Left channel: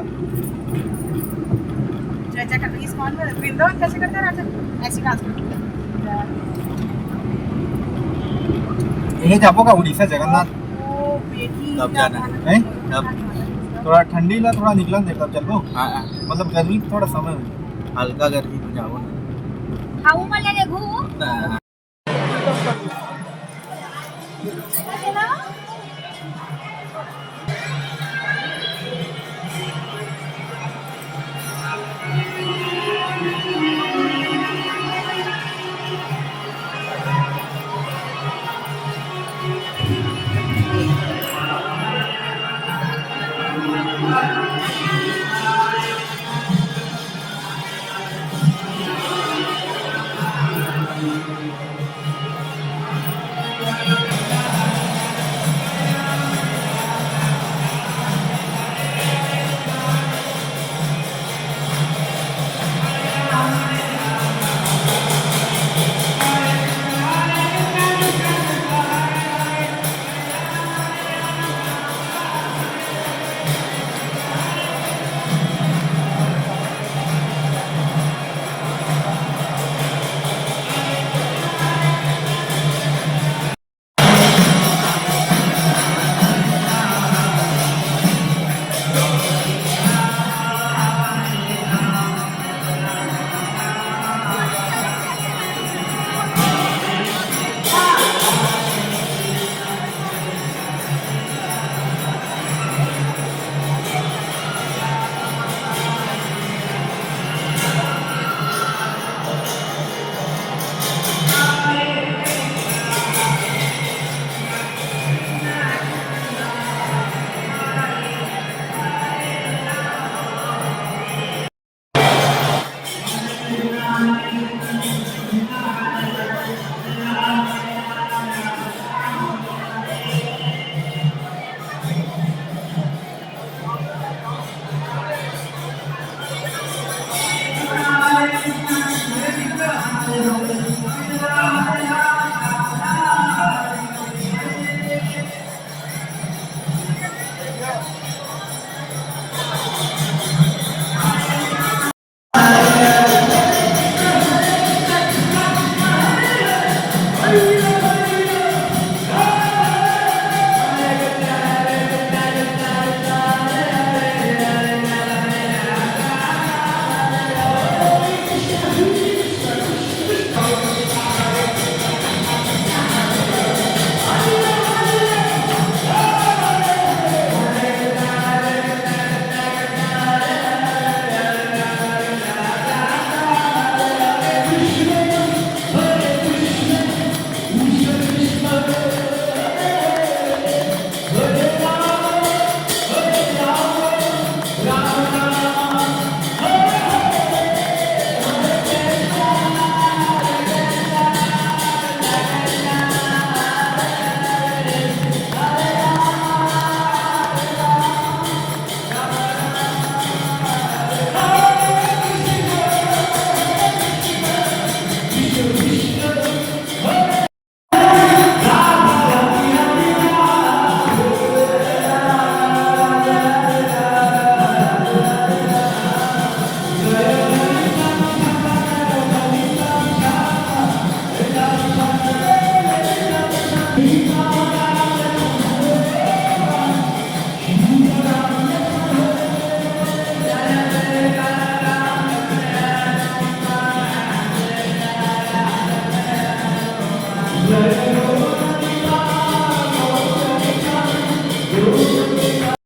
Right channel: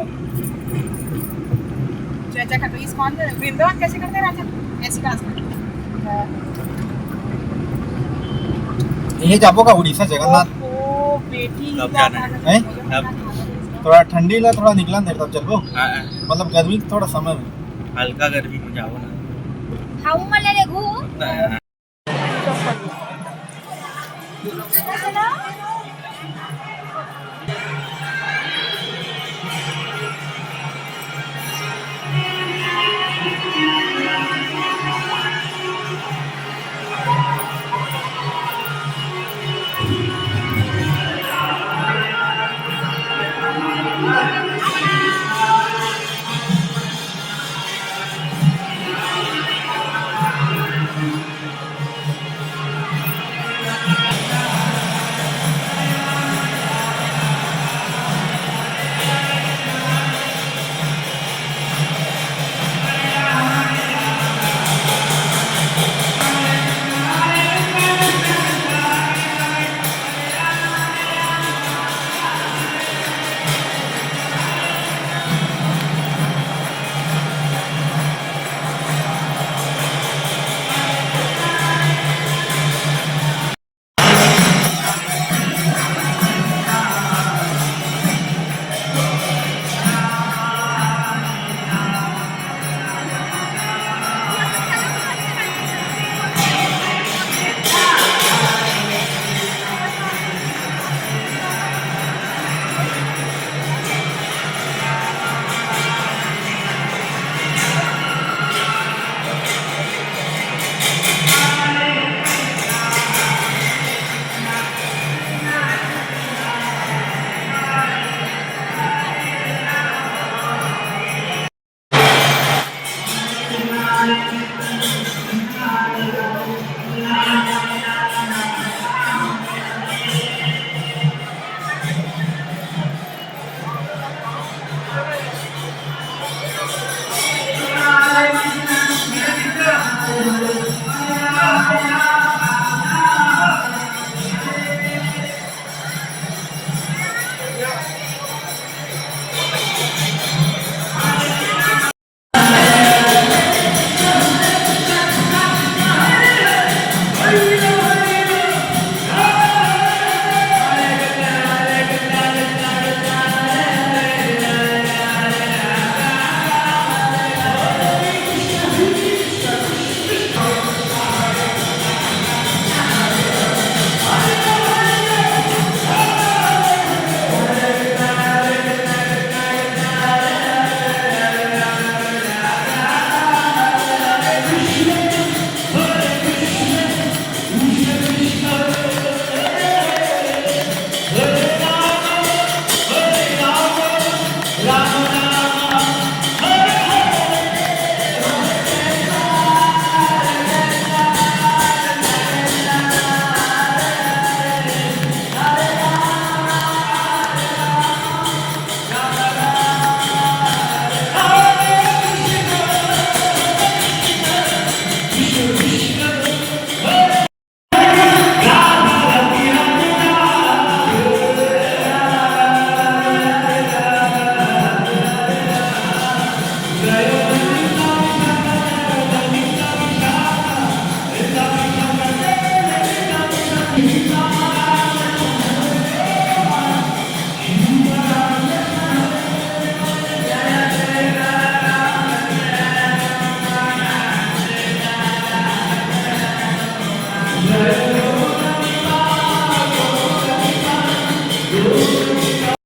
साल। चाचा का तो इस कौन वृंदावन कैसे करते हैं राजा ऐसे डांस करते ये जाबो का उड़ीसा जगन्नाथ ओ बेटी कब जाना है? कब? थोड़ा ठंडी ला थोड़ा निकला देर तब चलबो हाँ मतलब गर्मी के थोड़ा समय में हल्का गर्मी में जाओ ना खाऊ मला रे घू ना